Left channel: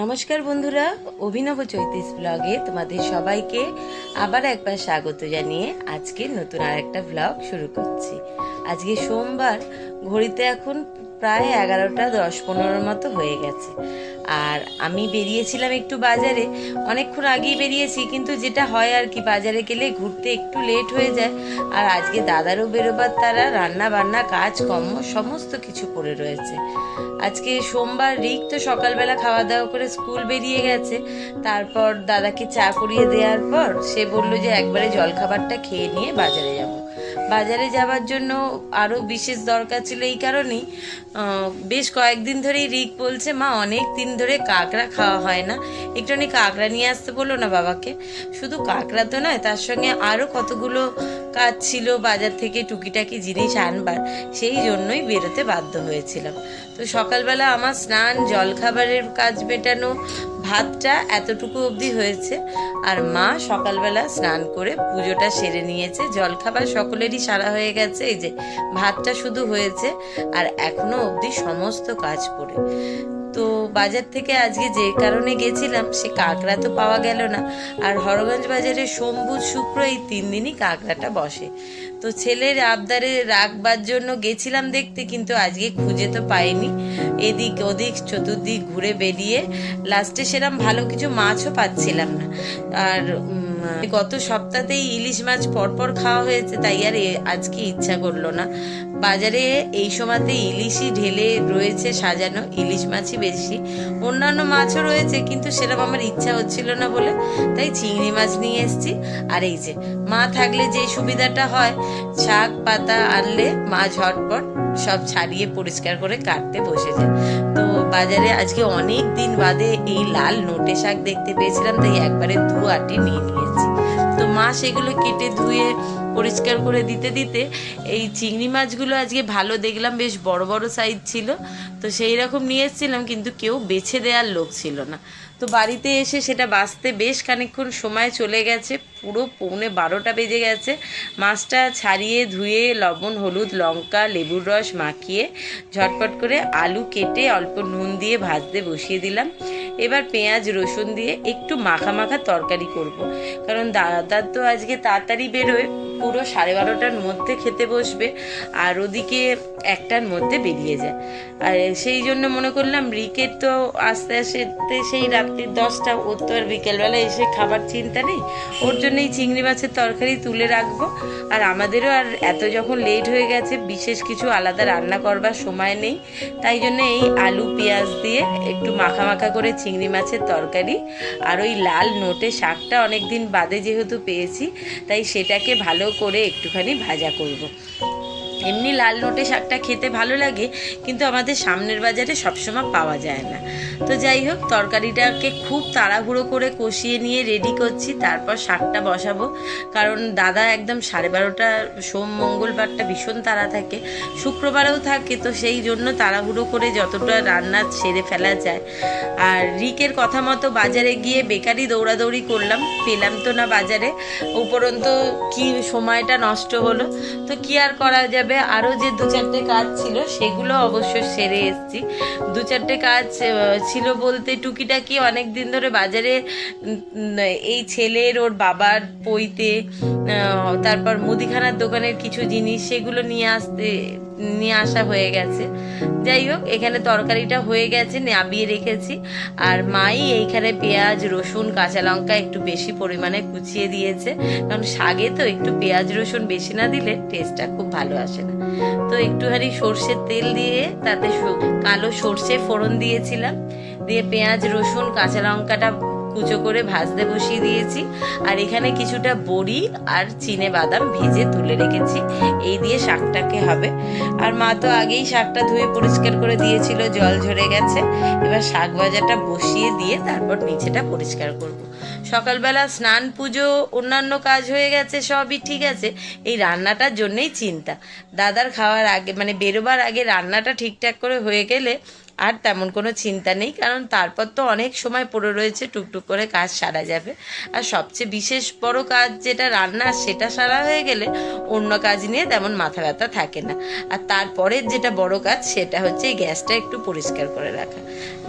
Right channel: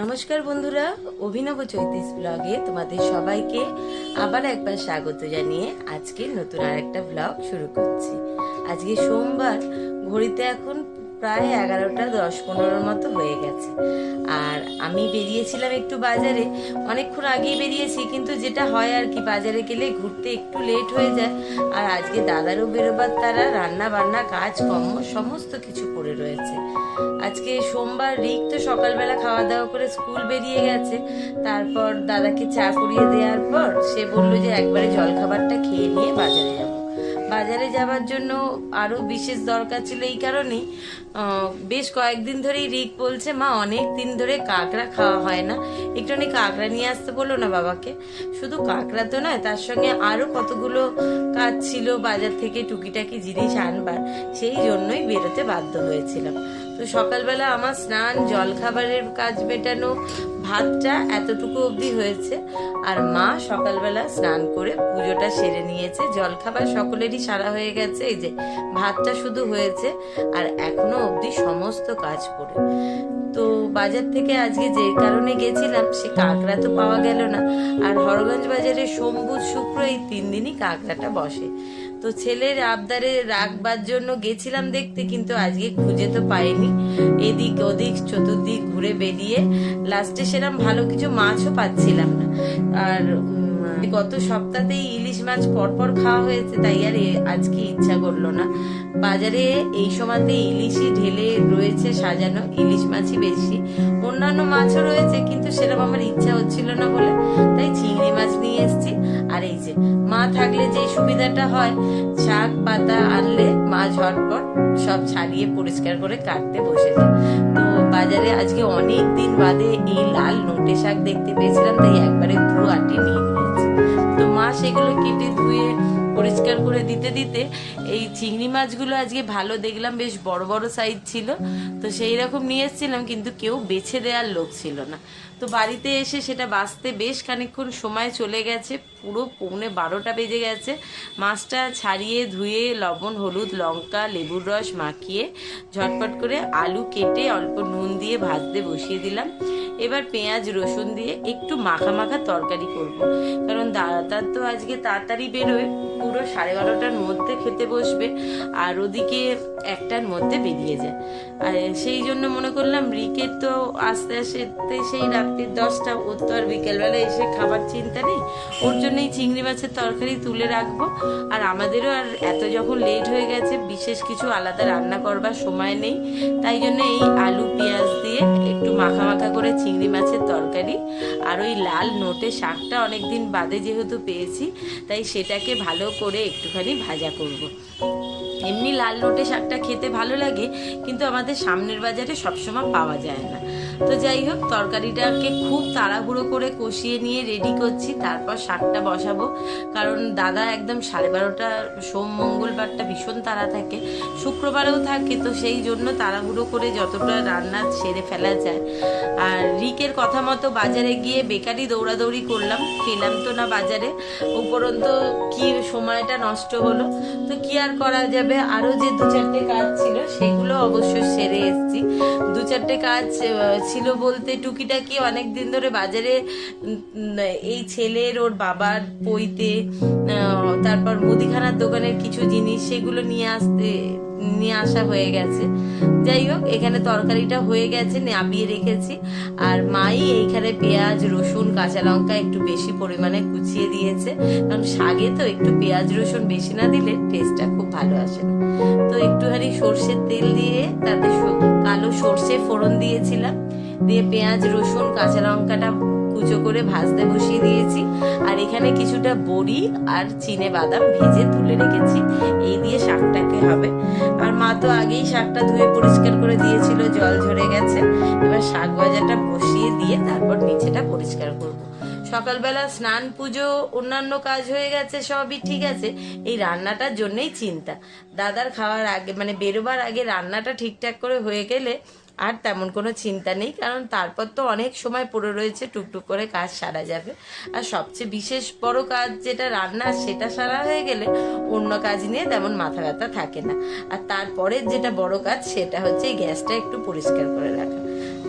নমস্কার বন্ধুরা, অভিনব চৈতিস ব্লগে তোমাদের সবাইকে আবার একবার স্বাগত জানিয়ে আজকে নতুন আর একটা ব্লগ শুরু করছি। আজকে সোমবার, ঘড়িতে এখন প্রায় 11টা 10-15 মতো হয়ে গেছে। আর আমি বেরিয়েছিলাম একটু বাজারে, অনেকক্ষণ আগেই বেরিয়েছি, কিন্তু যেটা হয় আর কি, বাজারে গেলে ঘুরতে একটু লেট হয়ে যায়। আর আজকে দাদারও বেরোবার তারা, রান্না বান্না কাজকর্ম সমস্ত কিছু পড়ে রয়েছে। আজকে সোমবার, রিক তো সকালবেলা খাওয়া দাওয়া করে স্কুল বেরিয়ে গেছে। তারপর দাদাকে চা করিয়ে দেওয়ার পর সে বলল যে একবারে জলখাবারটা খেয়ে নিয়ে বাজারে যাব। বাজারে যাবার জন্য আরও বিশেষ দরকার ছিল এই কারণেই, বেশ কয়েকদিন ধরেই রিক বলছে, মা অনেক দিন ধরে কাঁকড়া খাওয়া হয় না, একটুখানি কাঁকড়া নিয়ে আসতে বললো না বাবাকে। শুধু কাঁকড়া তো নয়, তার সঙ্গে আরও কতগুলো কাজ ছিল বাজার থেকে টুকিটাকি জিনিস আনবার, সেই জন্যই বেরোতে বাধ্য হয়েছিলাম। তো সকালবেলা আমার স্নান, জলখাবারের কাজ মেটানো, ভাতটা এতটুকু অবধি হয়েছে। আর মা সকালবেলা স্নান করে পুজোটা সেরে নিয়েছে, জলখাবার সকলেরই সারা হয়ে গেছে, এই যে ভাতটা শুধু হয়েছে। আর এখনো অবধি সমস্ত কাজ পড়ে। তো বাজার থেকে আজকে যে কারণে গেছিলাম, সে কাঁকড়া তো পাওয়া গেল না। আর হরগঞ্জ বাজারে সোম বুধ শুক্র এই 3 দিনই কাঁকড়াটা বসে। তো ছেলের আবদারে রাখবার জন্য গেছিলাম দেখতে, কিন্তু আজকে খুঁজে তো পাইনি। এদিক ওদিক চতুর্দিক ঘুরে বেরিয়ে লাস্টে সেরকম ভালো কিছু মাছও পাচ্ছিলাম না। আর গত সপ্তাহতেই ইলিশ মাছ পরপর খাওয়া হয়েছে, তাই আর আজকে ইচ্ছা করলো না। বাজারে এই সময়তে ইলিশই ঢেলে রয়েছে সাজানো, ইলিশ মাছই বেশি, অন্যান্য মাছও রয়েছে, কিন্তু সেরকম আমার ইচ্ছা হচ্ছিল না বলে তাই চিংড়ি মাছ নিয়ে এসেছি। আর এই যে মা থাকলে যে সুবিধাটা হয়, শাক পাতা আনলে মা ঝটপট সব ছাড়িয়ে পরিষ্কার করে কাটতে বসে যায়। তো বাজারে আজকে অনেক দিন বাদে এই লাল নোটে শাক দেখতে পেয়েছিলাম, তাই একবারে আটি নিয়ে নিয়েছি। তো মা সেগুলো কেটে ধুয়ে পরিষ্কার করে দিতে দিতে এই চিংড়ি মাছগুলো আজকে ভালো দেখলাম, বেশ বড় বড় সাইজ ছিল। তো সেই রকম নিয়ে এসেছিলাম, কিন্তু কেউ বেছে দেওয়ার লোক ছিল না। তো বাড়িতে এসে সেটা বাছতে বেশ খানিকক্ষণ সময় চলে গেছে, পুরো 11:45 বেজে গেছে। মাছটা ছাড়িয়ে ধুয়ে লবণ হলুদ লঙ্কা লেবুর রস মাখিয়ে ঝটপট করে আলু কেটে অল্প নুন দিয়ে ভাজতে বসিয়ে দিলাম। এবার পেঁয়াজ রসুন দিয়ে একটু মাখা মাখা তরকারি করব, কারণ দাদার তো আজকে তাড়াতাড়ি বেরোয়, পুরো 12:30টার মধ্যে খেতে বসবে, আর ওদিকে 1টার মধ্যে বেরিয়ে যায়। আর সেই জন্য মনে করলাম রিকের তো আস্তে আস্তে সেই রাত্রি 10টা, ওর তো আর বিকেলবেলা এসে খাবার চিন্তা নেই, ওর জন্যই চিংড়ি মাছের তরকারি তুলে রাখবো। আর আমাদেরও আর এত যখন লেট হয়ে গেছে, বিশেষ কিছু আলাদা রান্না করবার সময় নেই, তাই জন্য এই আলু পেঁয়াজ দিয়ে একটু মাখা মাখা করে চিংড়ি মাছের তরকারি আর ওই লাল নোটে শাকটা অনেকদিন বাদে যেহেতু পেয়েছি, তাই সেটাকে ভালো করে একটুখানি ভাজা করব। এমনি লাল নোটে শাকটা খেতে ভালো লাগে, কিন্তু আমাদের সামনের বাজারে সবসময় পাওয়া যায় না। তো যাই হোক, তরকারিটাকে খুব তাড়াহুড়ো করে কষিয়ে নিয়ে রেডি করছি, তারপর শাকটা বসাবো। কারণ দাদা একদম 12:30, সোম মঙ্গলবারটা ভীষণ তাড়া থাকে, শুক্রবারেও থাকে, তো সেই জন্য তাড়াহুড়ো করে যতটা রান্না সেরে ফেলা যায়। আর রিকের কথা মতো বাজারে গিয়ে বেকারি দৌড়াদৌড়ি করলাম, পেলাম তো না বাজারে, উপরন্ত কি সময়টা নষ্ট হলো। তো কি আর করা যাবে, আরও যে 2-4টে কাজ ছিল সেগুলো অবশ্য সেরে এসেছি। 2-4টে কাজ ছিল বলতে, টুকিটাকি অনেক দিন ধরে বাজারে এই ছেলের ওর বাবার পৈতে, তারপর মুদিখানার দোকানের কিছু জিনিস, সেগুলো নিয়ে আসা হয়ে গেছে। যাই হোক, এখানে তরকারিটা হয়ে গেছে, নাবিয়ে রেখেছি। আর মাই এইখানে পেঁয়াজ রসুন কাঁচা লঙ্কা একটু বেশি পরিমাণে কুচিয়ে দিয়েছে, কারণ শাকে তো একটু পেঁয়াজ রসুন বেশি না দিলে টেস্টটা খুব ভালো আসে না। তো একটুখানি সর্ষের তেল দিয়ে তাতে কালো সর্ষে ফোড়ন দিয়েছিলাম, দিয়ে পেঁয়াজ রসুন কাঁচা লঙ্কাটা কুচো করে ভাজতে বসিয়ে দিয়েছি। আর এখানে কিছুটা বড়ি আর চিনে বাদাম ভেজে তুলে রেখেছি, এই দিয়ে শাকটাকে হবে। আর মা তো আগেই শাকটা ধুয়ে পরিষ্কার করে দিয়েছিল, জল ঝরে গেছে। এবার শাক ভাজাটা বসিয়ে দিয়ে তারপর নিচেটা পরিষ্কার করব। সকালবেলা স্নান পুজো অন্যান্য কাজ হয়ে গেছে, সবই ঠিক আছে, এই রান্নাটার জন্যই চিন্তা। দাদার খাওয়ার আগে, মানে বেরোবার আগে রান্নাটা ঠিকঠাক করে হয়ে গেলে আর তেমন কোনো চিন্তা নেই, কারণ তারপর তো অনেক সময় পড়ে রয়েছে, টুকটুক করে কাজ সারা যাবে। আর সবচেয়ে বিশেষ বড় কাজ যেটা রান্না, সেটা সারা হয়ে গেলে অন্য কাজ নিয়ে তেমন মাথা ব্যথা থাকে না। আর তারপরের যেটা বড় কাজ সেটা হচ্ছে এই গ্যাসটা একটু পরিষ্কার করে রাখা।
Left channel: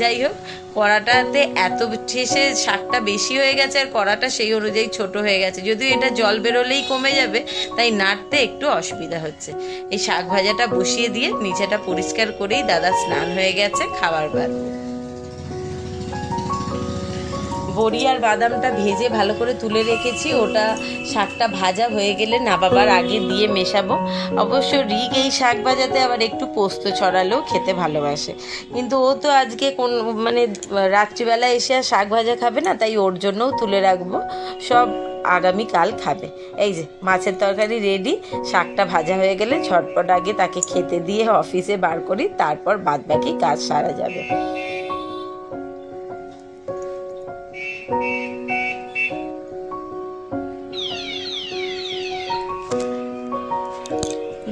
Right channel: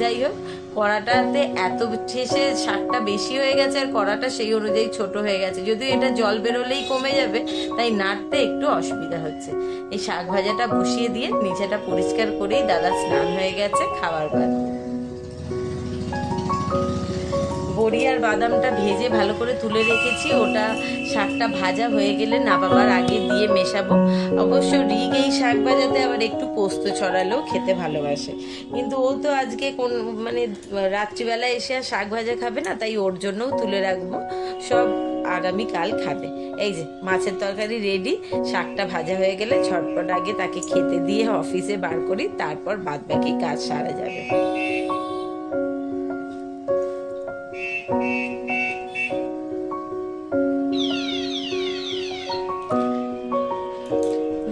যাই হোক, কড়াটাতে এত শেষে শাকটা বেশি হয়ে গেছে আর কড়াটা সেই অনুযায়ী ছোট হয়ে গেছে, যদিও এটা জল বেরোলেই কমে যাবে, তাই নাড়তে একটু অসুবিধা হচ্ছে। এই শাক ভাজাটা বসিয়ে দিয়ে নিচেটা পরিষ্কার করেই দাদা স্নান হয়ে গেছে, খাবার বাড়বো। বড়ি আর বাদামটা ভেজে ভালো করে তুলে রেখেছি, ওটা শাকটা ভাজা হয়ে গেলে নাবাবার আগে দিয়ে মেশাবো। অবশ্য রিক এই শাক ভাজাতে আবার একটু পোস্ত ছড়ালেও খেতে ভালোবাসে, কিন্তু ও তো আজকে মানে রাত্রিবেলা এসে আর শাক ভাজা খাবে না, তাই ওর জন্যও তুলে রাখবো, সব আগামীকাল খাবে। এই যে মাছের তরকারি রেডি, শাকটা ভাজা হয়ে গেলে ঝটপট আগে তাকে খেতে দিয়ে অফিসে বার করি, তারপর বাদবাকি কাজ সারা যাবে।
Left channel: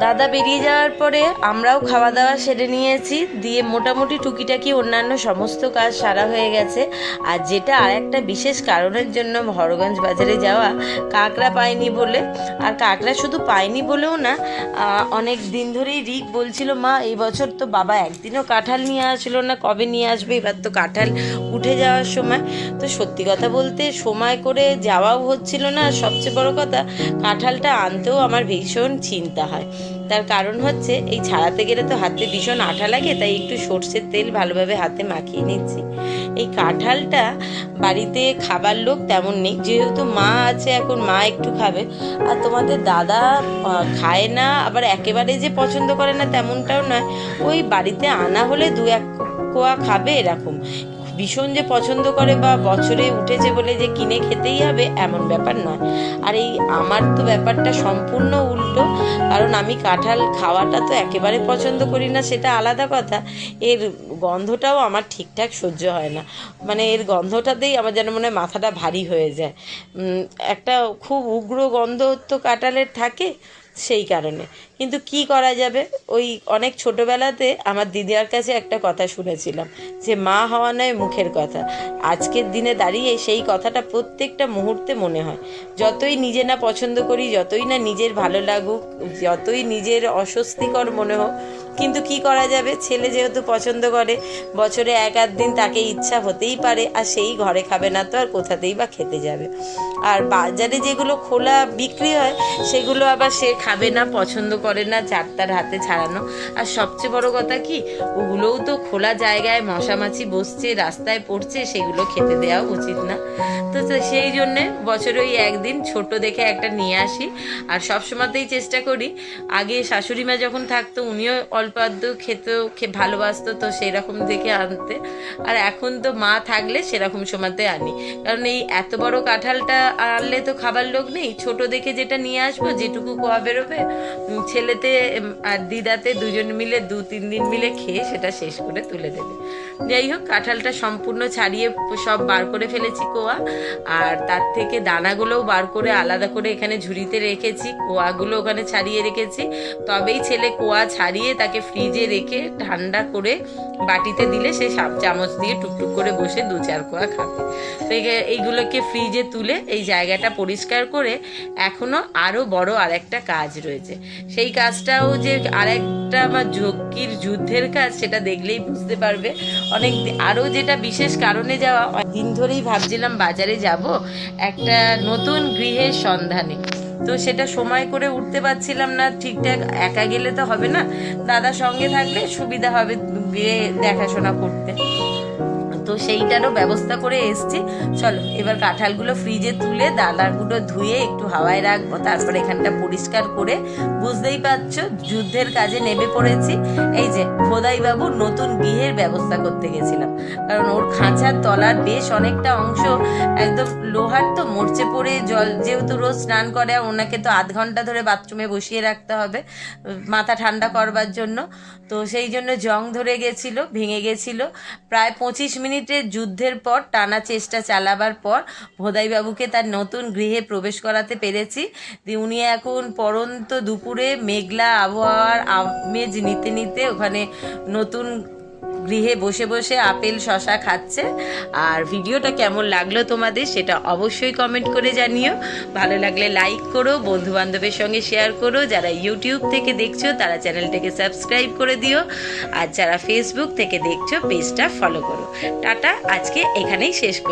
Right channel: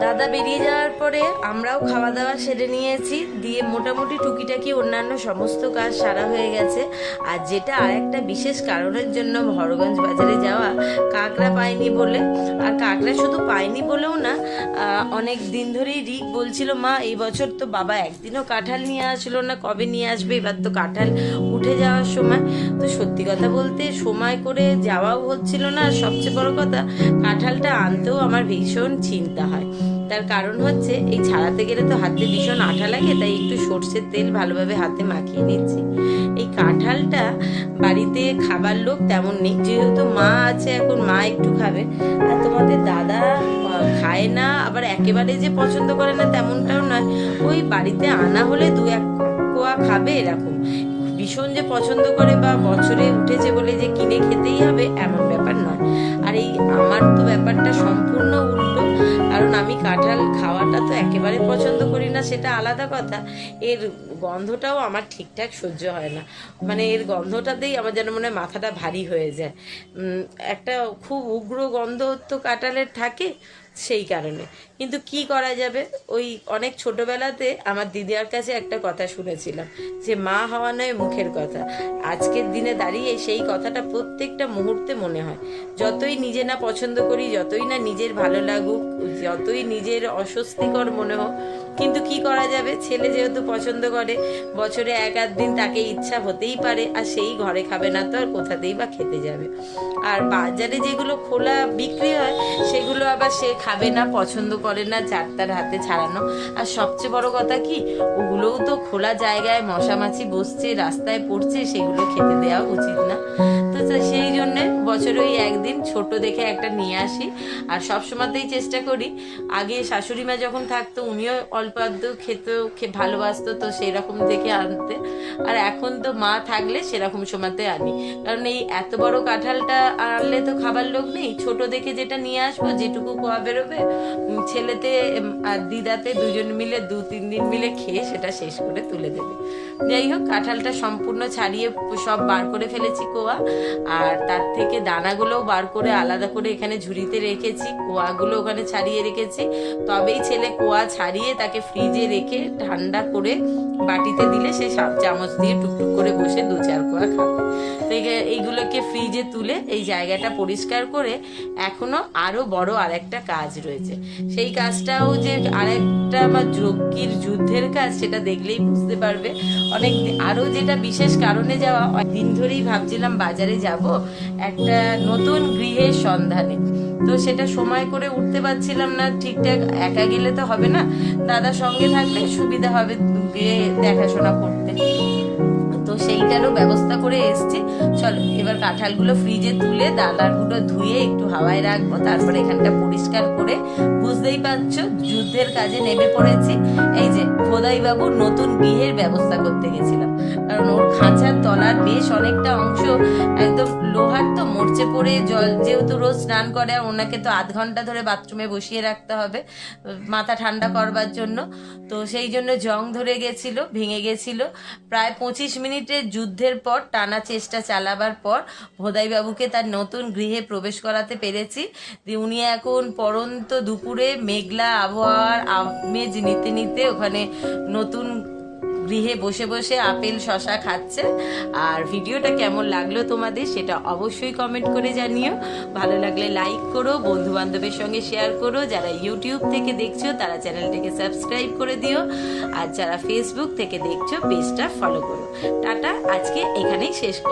দাদা বেরিয়ে যাওয়ার পরে আমরাও খাওয়া দাওয়া সেরে নিয়েছি, দিয়ে মোটামুটি টুকিটাকি অন্যান্য সমস্ত কাজ সারা হয়ে গেছে। আর যেটা আর একটা বিশেষ কারণের জন্য হরগঞ্জ বাজারে যাওয়া, কাঁকড়া পাইনি বলে। আর কাঁকড়া শুধু পাইনি বলেও না, অনেক দিন ধরেই রিক বলছিল, মা এই বছর তো বাবা একদিনও কাঁঠাল নিয়ে আসলো না, কবে নিয়ে আসবে, এবার তো কাঁঠাল উঠে যাওয়ার সময়। তো সত্যি কথা বলতে সময় করে যাওয়াও হচ্ছিল না, আর সবচেয়ে বড় কথা কাঁঠালটা আনতেও আমার ভীষণ চিন্তা হয়। তার কারণ হচ্ছে এই ছাড়াতে গেলে তো হাতে ভীষণ আঠা লাগে, তাই একটু সর্ষের তেল ভালোভাবে হাতে মাখিয়ে নিচ্ছি। এই কাঁঠালটা বাড়িতে খাবার লোক তেমন নেই, যেহেতু মা আছে, এখন মা একটু খাবে। আর তোমাদের দাদা খায় না, আবার একেবারে যে পছন্দ করে না তেমনটাও নয়, ওই বাড়িতে আনা হলে দু এক কোয়া খাবে এরকম। ভীষণ যে পছন্দ করে বা বছরে উঠেছে বলে যে কিনে খেতেই হবে এমন ব্যাপার নয়। আর এই আমার তো ব্যাপারটা সম্পূর্ণ উল্টো, কারণ আমি কাঁঠাল খাওয়াটা তো একেবারে পছন্দ করি না, সেটা আলাদা কথা, এর গন্ধটাও আমার ঠিকঠাক সহ্য হয় না। মানে এর গন্ধটাতেই আমার যেন মনে হয় মাথাটা ভারী হয়ে যায়, একটা খুব উগ্র গন্ধ তো কাঁঠালের থাকে, সেই কারণে। কিন্তু কি করা যাবে, ওই অনেক ছোটবেলাতে আমার দিদির কাছে একটা কথা শুনেছিলাম যে মা হওয়া নয় মুখের কথা। আজকের দিনে দাঁড়িয়ে সেই কথাটা প্রত্যেকটা মুহূর্তে মনে হয়। যতই নিজে না পছন্দ করি, যতই না নিজের ভালো লাগুক, যতই নিজের অস্বস্তিকর মনে হোক, কিন্তু কি করা যাবে, ছেলে যেহেতু পছন্দ করে, বছরে এক আধ দিন তাকে ইচ্ছা হতেই পারে, আর সেই ঘরে খাবে না তো আর কোথাতেই বা খেতে যাবে। আর বাজারে যেগুলো খোলা বিক্রি হয় সেগুলো আবার সে খাবে না, পছন্দ করে না, চারটার হাতে ছাড়ানো। আর সবচেয়ে বড় কথা কি, ওগুলোও তো খোলা জায়গায় মশামাছি বসছে, রাস্তায় পড়ছে, সেগুলো খেতে দেওয়া উচিত না। তো সেই জন্যে বছরে ওই একদিন ছোট দেখে একটা নিয়ে আসি। আর সবসময়তেই চেষ্টা করি, আগে শাশুড়ি মা যখন থাকতো উনিও অল্প আধটু খেতেও ভালোবাসতো, তো সেই রকম দেখে আনতে। আর এখন তো মা থাকলে সেরকম সময়তে আনি, কারণ এই এত বড় কাঁঠালটা আনলে তো খাবার লোক নেই, ছোট দেখে যেটা নিয়ে আসবো, যেটুকু কোয়া বেরোবে, ছেলেতে আর দিদাতে দুজন মিলে 2-3 দিন মিলে খেয়ে সেটা শেষ করে তুলে দেবে। যাই হোক, কাঁঠালটা সম্পূর্ণ ছাড়িয়ে সব বার করে ফেলেছি কোয়া, আর তার থেকে দানাগুলোও বার করে আলাদা করে এখানে ঝুড়িতে রেখেছি, কোয়াগুলো ওখানে ছাড়িয়ে রেখেছি। তবেই ছেলে কোয়া ছাড়িয়ে তাকে ফ্রিজে রেখে ঠান্ডা করে বাটিতে দিলে সে চামচ দিয়ে টুকটুক করে বসে 2-4 কোয়া খাবে। তো এইগুলোকে ফ্রিজে তুলে এই জায়গাটা পরিষ্কার করে, এখনো আরো বড় আরেকটা কাজ রয়েছে। সেই কাজটাও যে আরেকটা আমার যজ্ঞের যুদ্ধের কাজ, সেটা দেখলেই বুঝতে পারবে। অনেক আরো যেটা বিশেষ কারণে যাওয়া, দিন ধরেই ভাবছিলাম বাজারে যাব একটা নতুন গৃহের সন্ধানে, তো সেটা সময় করে উঠতে পারছিলাম না ঠিকঠাক। একা গেলে তো হবে না, দাদার সঙ্গে থাকলে সুবিধা হবে গিয়ে দেখাশোনা করতে, তো সেইটারও ব্যবস্থা করে এসছি। চলো এবার কাঁঠালগুলো ফ্রিজে তুলে দানাগুলো ধুয়ে একটু হাওয়ায় রাখবো, তারপরে এখানটা পরিষ্কার করে, বুঝতেই পারছো যুদ্ধের কাজে নেমে পড়েছি। এই যে ভোদাইবাবু নতুন গৃহের ব্যবস্থা করতে গেছিলাম, কারণ ওর খাঁচার তলার বেশ অনেকটা অংশ একদম লোহার, তো মরচে পড়ে, জল যেহেতু রোজ স্নান করে, আর ওনাকে তো আধ ঘন্টা ধরে বাথরুমে বসিয়ে রাখতে হবে মাথা ঠান্ডা করবার জন্য, তো সেই জন্য জং ধরে গেছিল, ভেঙে গেছিল। প্রায় 25 মিনিটের যুদ্ধের পর, টানা চেষ্টা চালাবার পর ভোদাইবাবুকে তার নতুন গৃহে প্রবেশ করাতে পেরেছি। উনি এখন পরন্ত দুপুরে মেঘলা আবহাওয়ার আমেজ নিতে নিতে ওখানে নতুন গৃহে বসে বসে আপেল শশা খাচ্ছে। আর ভিডিওটা কেমন লাগলো তোমাদের সেটা অবশ্যই কমেন্ট করে জানিও। ভালো লাগলে লাইক করো, বন্ধু বান্ধবের সঙ্গে শেয়ার করো। যারা ইউটিউব থেকে দেখছো তারা চ্যানেলটাকে সাবস্ক্রাইব করে দিও, আর যারা ফেসবুক থেকে দেখছো পেজটা ফলো করো। টাটা, আজকে এখানেই শেষ করো।